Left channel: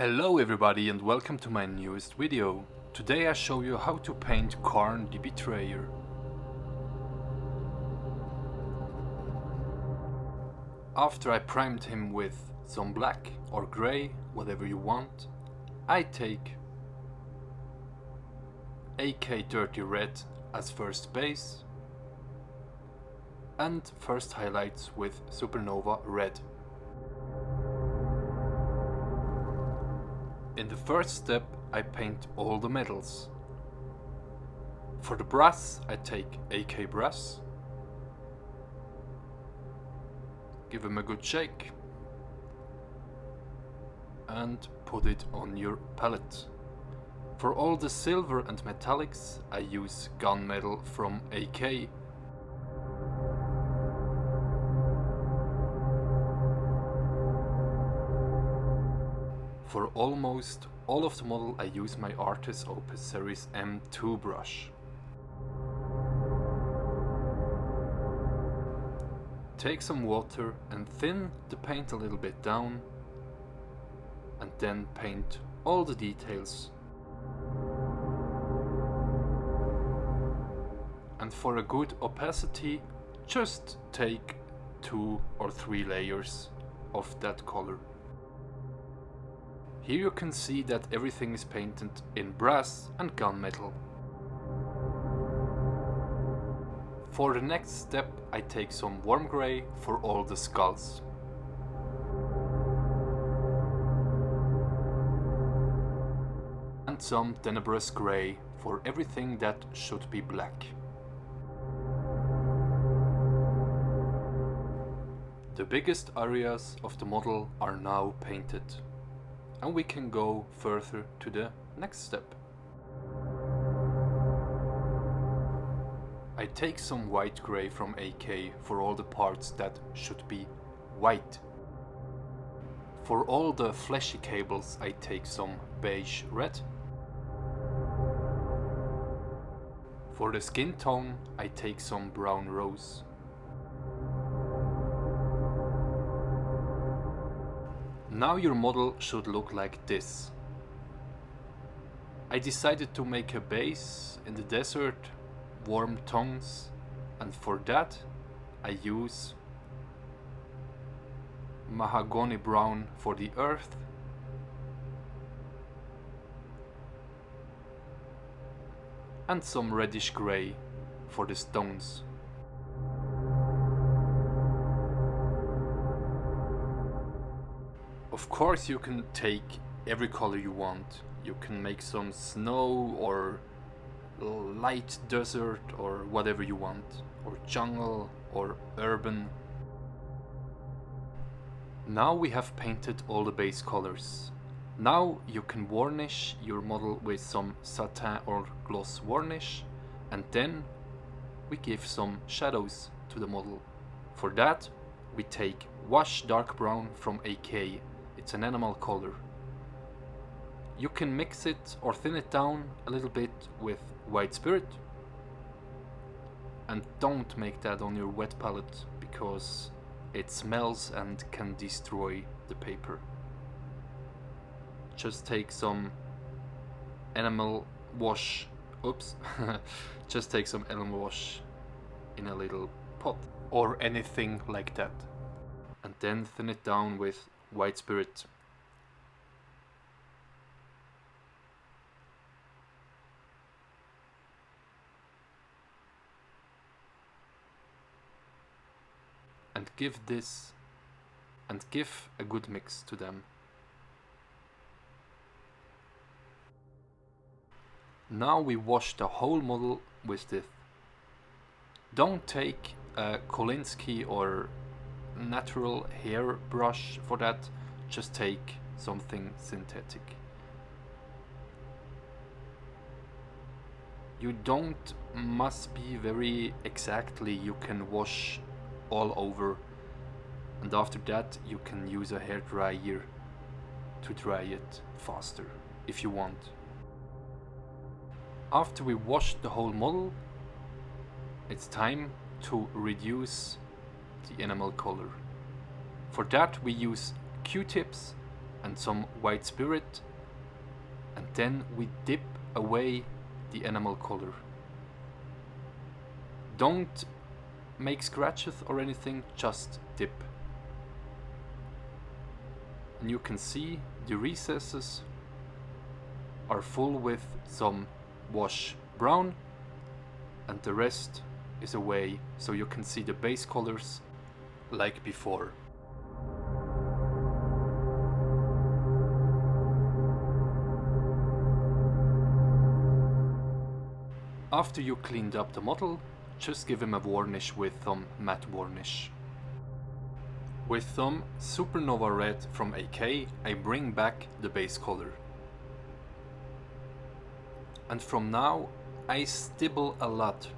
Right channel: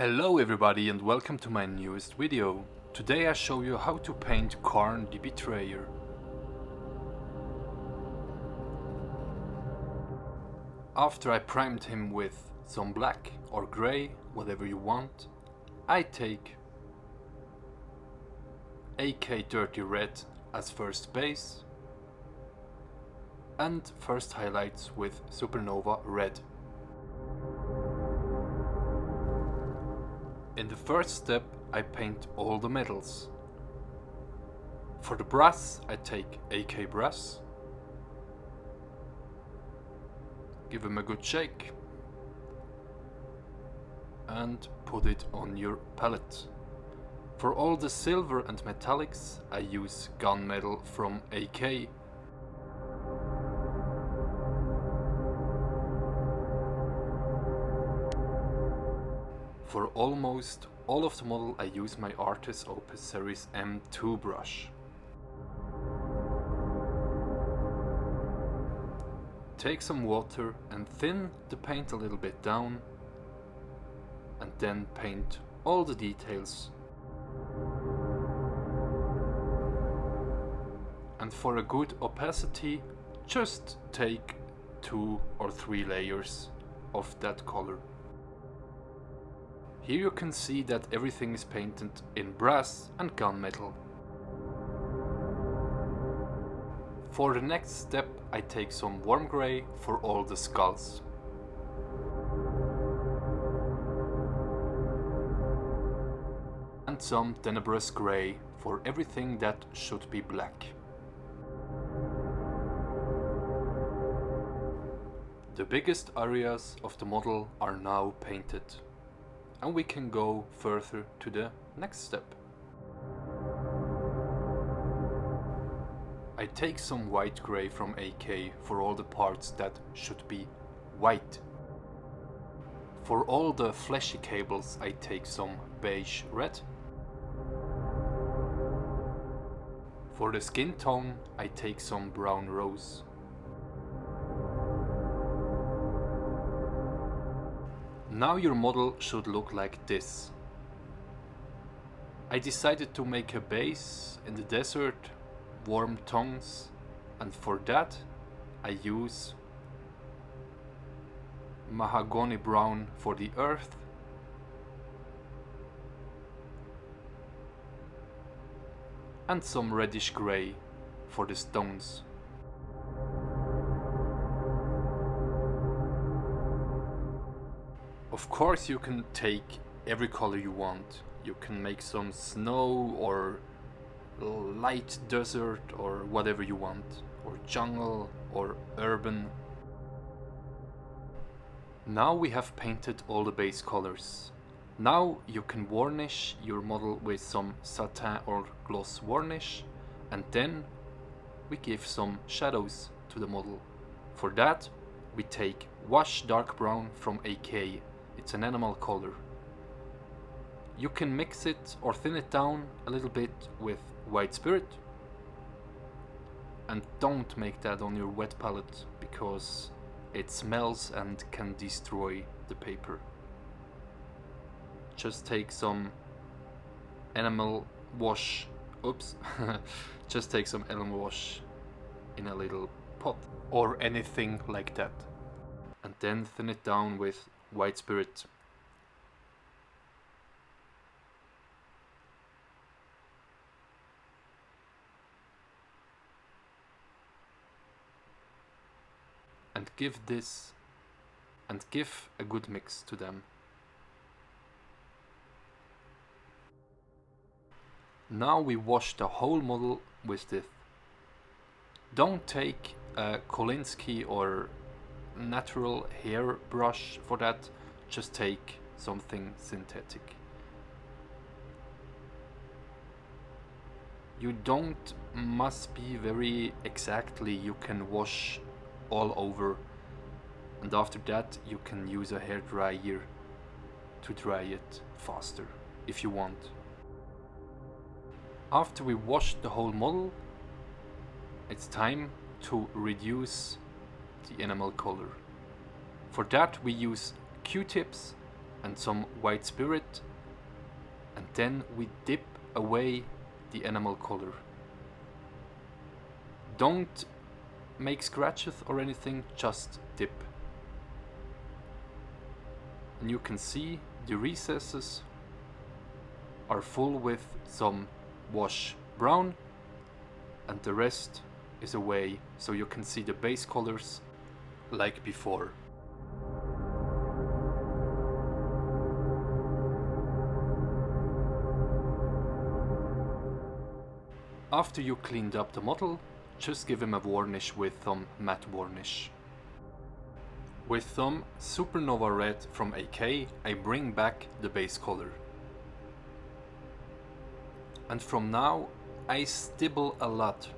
Hello everybody and welcome to my newest video. Today I show you how to paint Kharn the Betrayer. After I primed him with some black or grey, whatever you want, I take AK Dirty Red as first base and first highlights with Supernova Red. In the first step I paint all the metals. For the brass I take AK Brass, give him a good shake and put it on your palette. For all the silver and metallics I use gunmetal from AK. For almost all of the model I use my Artis Opus Series M2 brush. Take some water and thin the paint a little bit down and then paint all the details. And for a good opacity, just take 2 or 3 layers of that color. Here you can see that everything is painted in brass and gunmetal. For the next step I take some warm grey for all the skulls. And some tenebrous grey for everything that should be black. The biggest areas of the model are now painted. And we can go further to the next step. I take some white grey from AK for all the parts that should be white. For all the fleshy cables I take some beige red. For the skin tone I take some brown rose. Now your model should look like this. I decided to make a base in the desert, warm tongues, and for that I use mahogany brown for the earth, and some reddish grey for the stones. Of course you can take every color you want. You can make some snow or light desert or whatever you want, or jungle or urban. Now we have painted all the base colors. Now you can varnish your model with some satin or gloss varnish, and then we give some shadows to the model. For that we take Wash Dark Brown from AK. It's an animal color. You can mix it or thin it down a little bit with White Spirit. And don't make that on your wet palette because it smells and can destroy the paper. Just take some animal wash. Oops. Just take some animal wash in a little pot or anything like that. And then thin it down with White Spirit. And give a good mix to them. Now we wash the whole model with this. Don't take a Kolinsky or natural hair brush for that, just take something synthetic. You don't must be very exactly, you can wash all over, and after that you can use a hair dryer to dry it faster if you want. After we wash the whole model, it's time to reduce the enamel color. For that we use Q-tips and some white spirit, and then we dip away the enamel color. Don't make scratches or anything, just dip. And you can see the recesses are full with some wash brown, and the rest is away, so you can see the base colors like before. After you cleaned up the model, just give him a varnish with some matte varnish. With some Supernova Red from AK, I bring back the base color. And from now, I stibble a lot.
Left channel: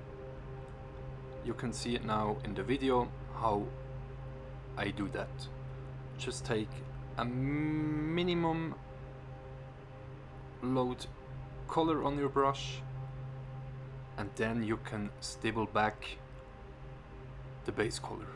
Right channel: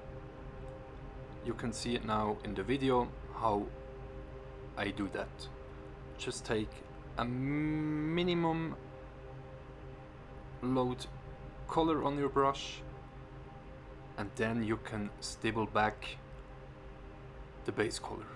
You can see it now in the video how I do that. Just take a minimum load color on your brush, and then you can stipple back the base color.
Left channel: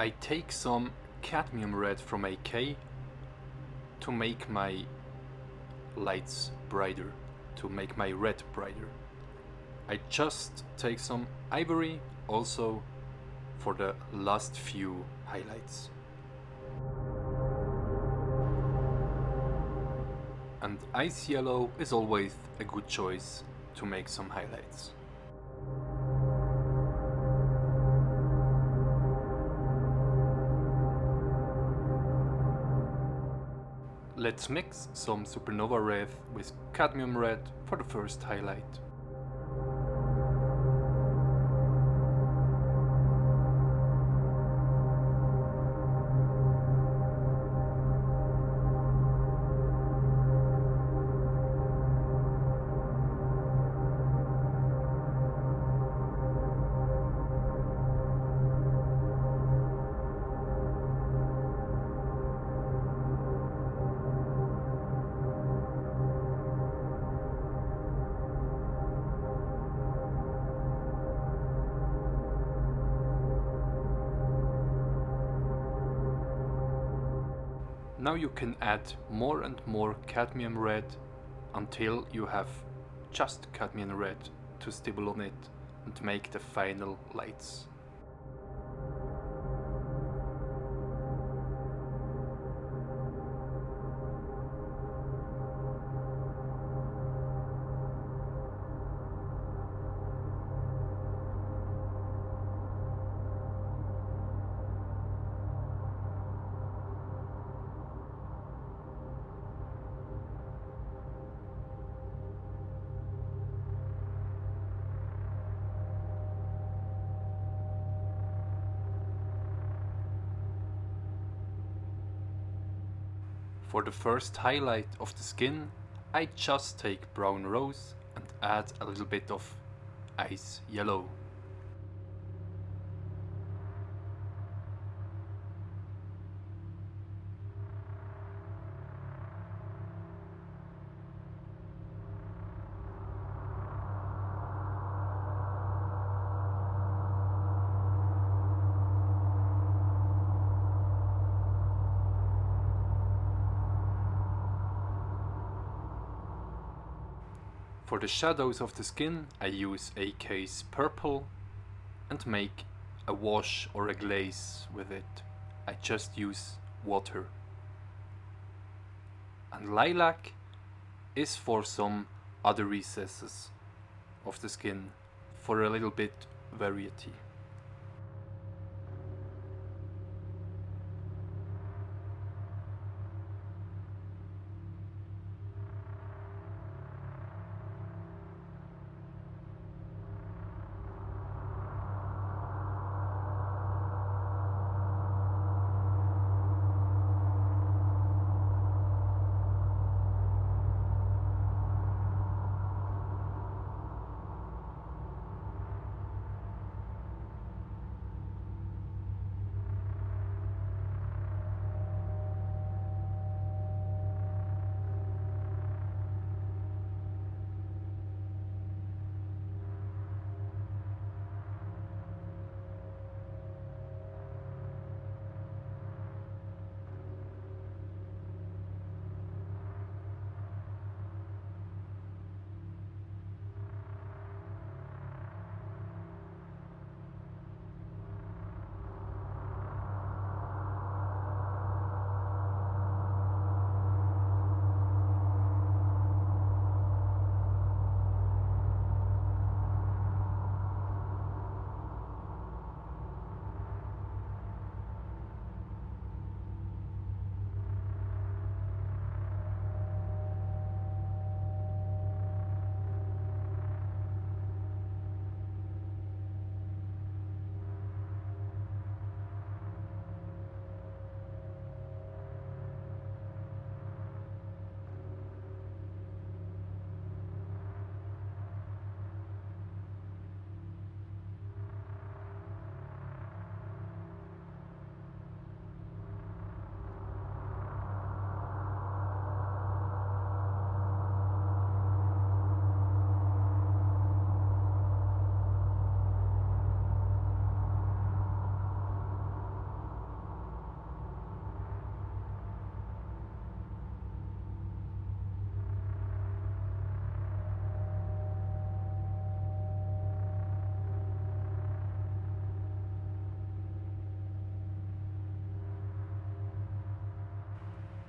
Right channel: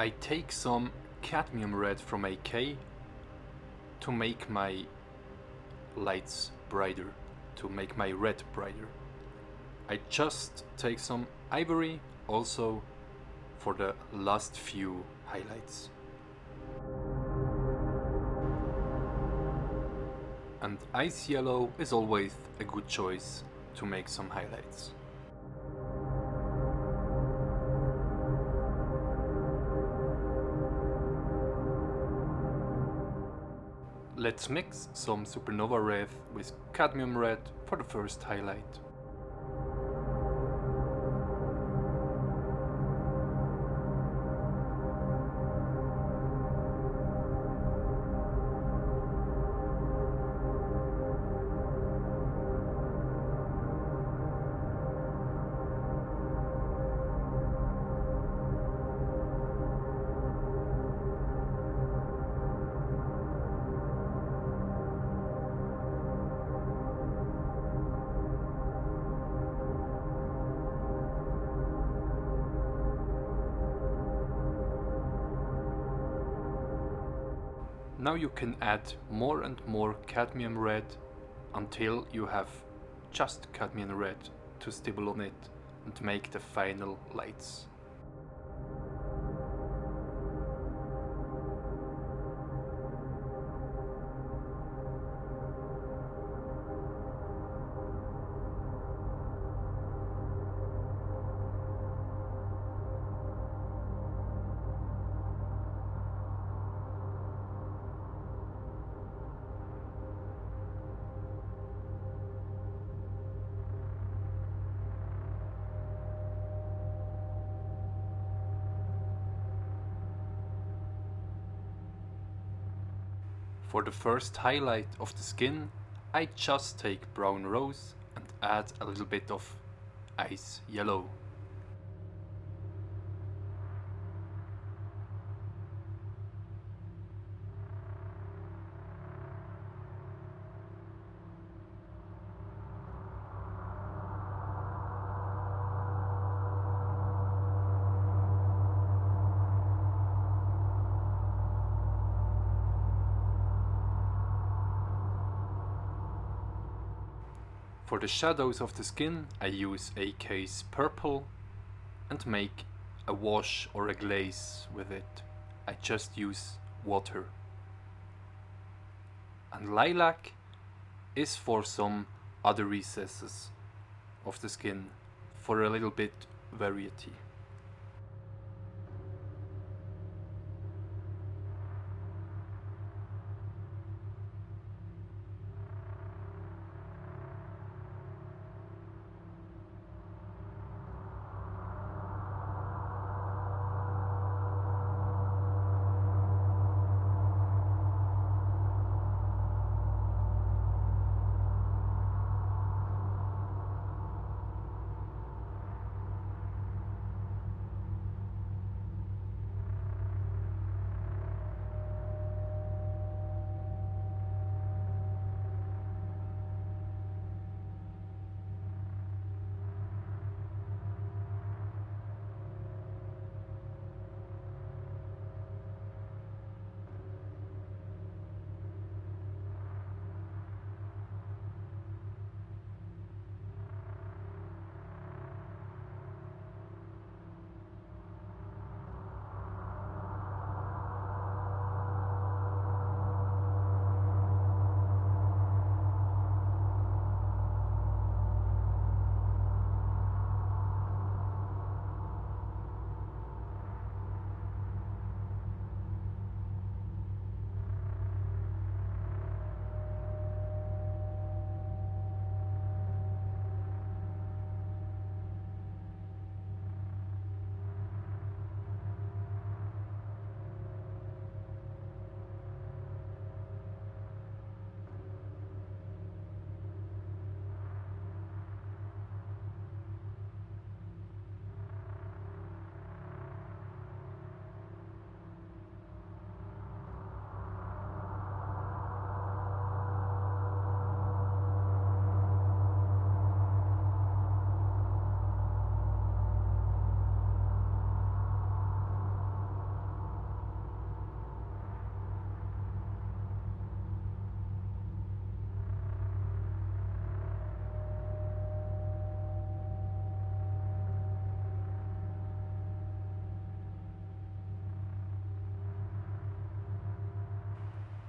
I take some cadmium red from AK to make my lights brighter, to make my red brighter. I just take some ivory also for the last few highlights. And ice yellow is always a good choice to make some highlights. Let's mix some Supernova Red with Cadmium Red for the first highlight. Now you can add more and more cadmium red until you have just cadmium red to stipple on it and make the final lights. For the first highlight of the skin, I just take brown rose and add a little bit of ice yellow. For the shadows of the skin, I use AK's purple and make a wash or a glaze with it. I just use water. And lilac is for some other recesses of the skin, for a little bit variety.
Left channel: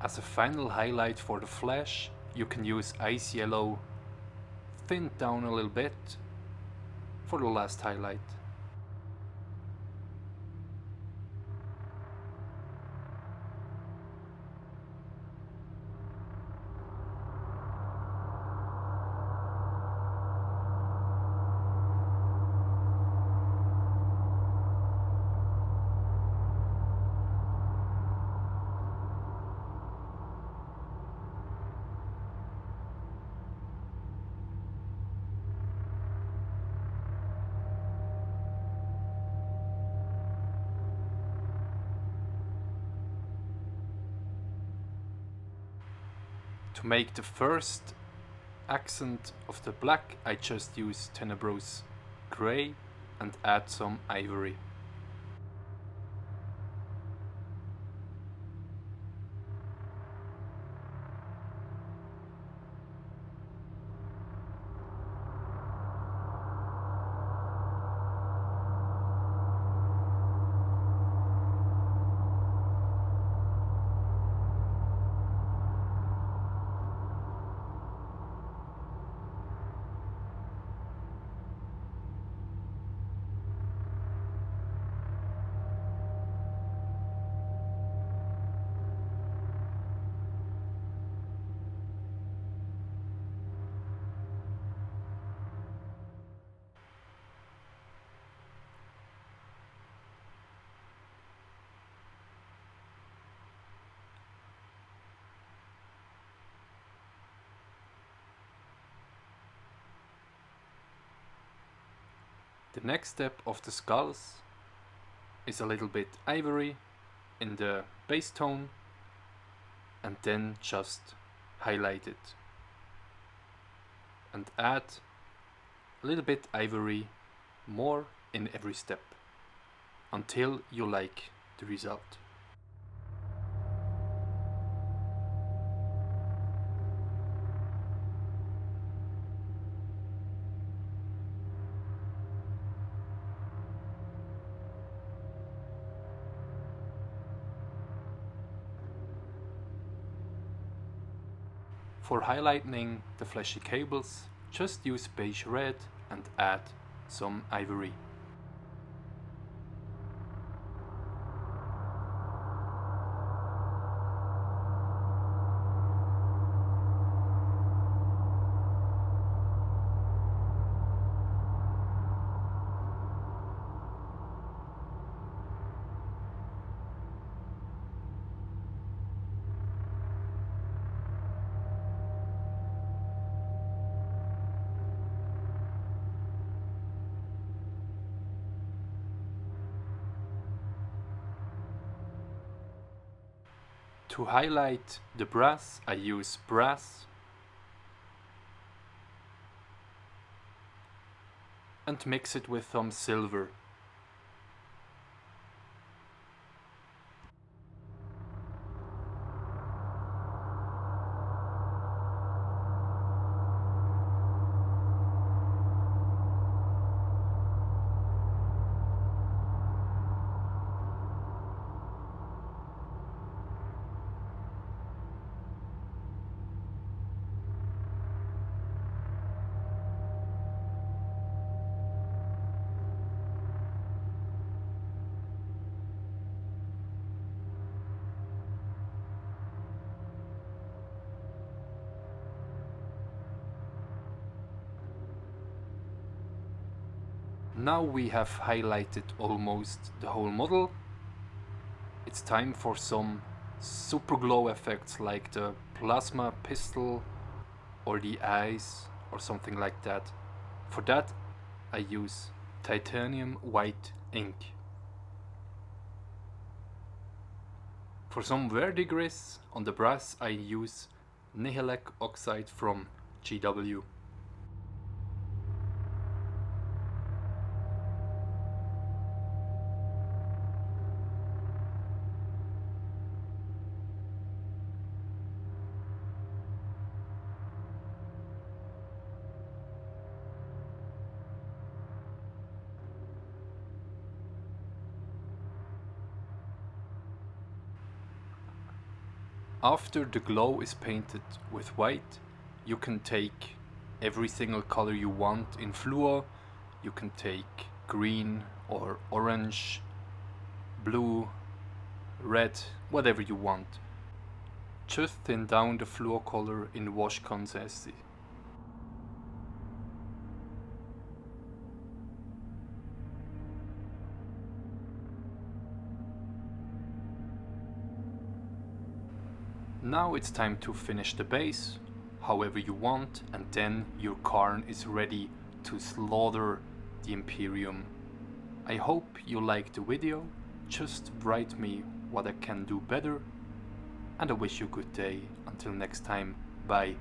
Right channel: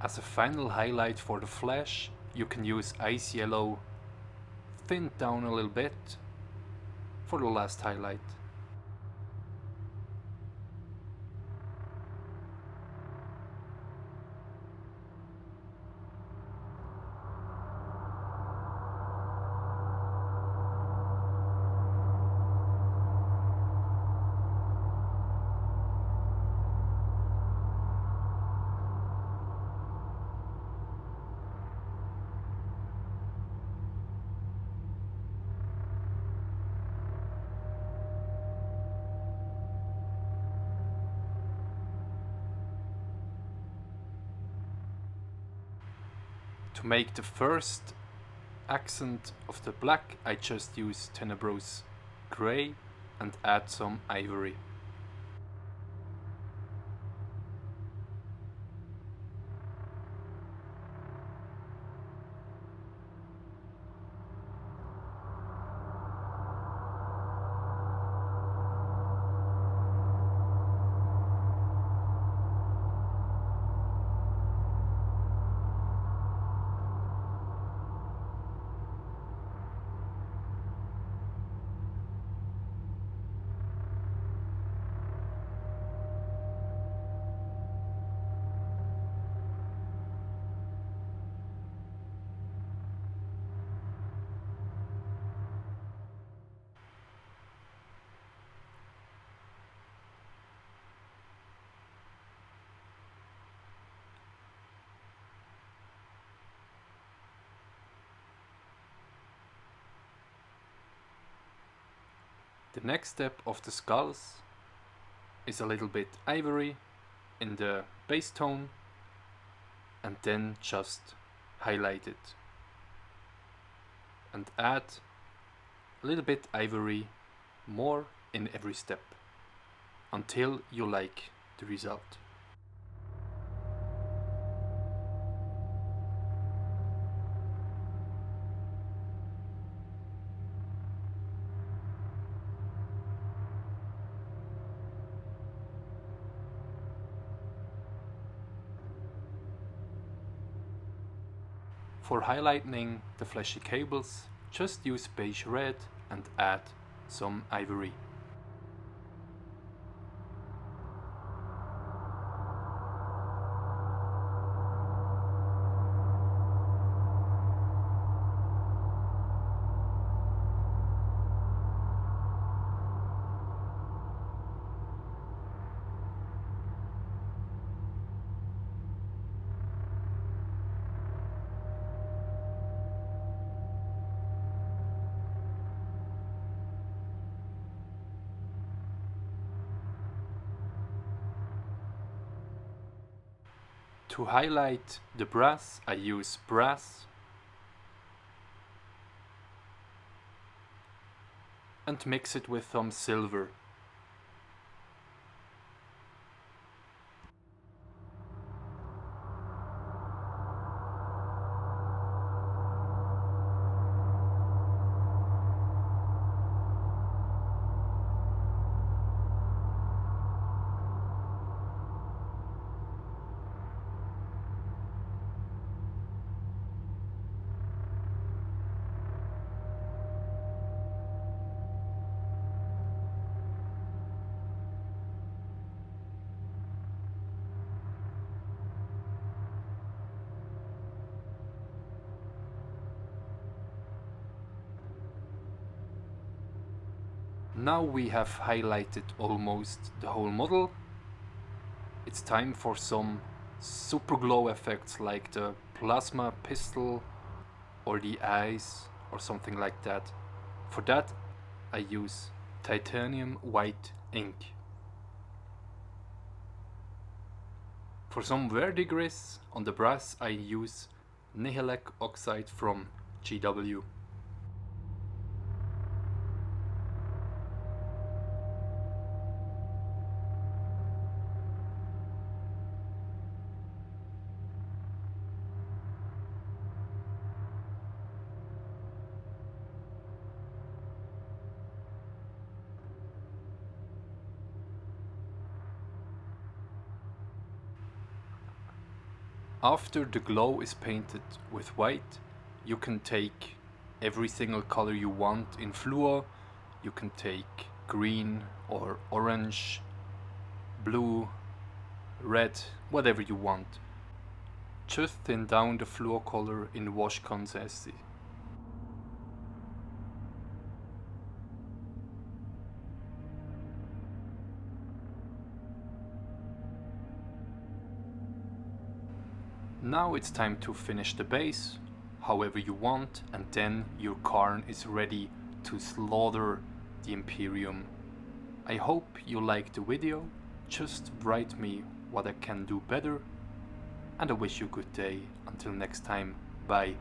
As a final highlight for the flesh, you can use ice yellow thinned down a little bit for the last highlight. To make the first accent of the black, I just use Tenebrous Grey and add some ivory. The next step of the skulls is a little bit ivory in the base tone and then just highlight it and add a little bit ivory more in every step until you like the result. For highlighting the fleshy cables, just use beige red and add some ivory. To highlight the brass, I use brass and mix it with some silver. Now we have highlighted almost the whole model. It's time for some super glow effects like the plasma pistol or the eyes or something like that. For that I use titanium white ink. For some verdigris on the brass I use Nihilec oxide from GW. After the glow is painted with white, you can take every single color you want in fluor. You can take green or orange, blue, red, whatever you want. Just thin down the fluor color in wash consistency. Now it's time to finish the base however you want, and then your Kharn is ready to slaughter the Imperium. I hope you liked the video. Just write me what I can do better, and I wish you a good day. Until next time, bye.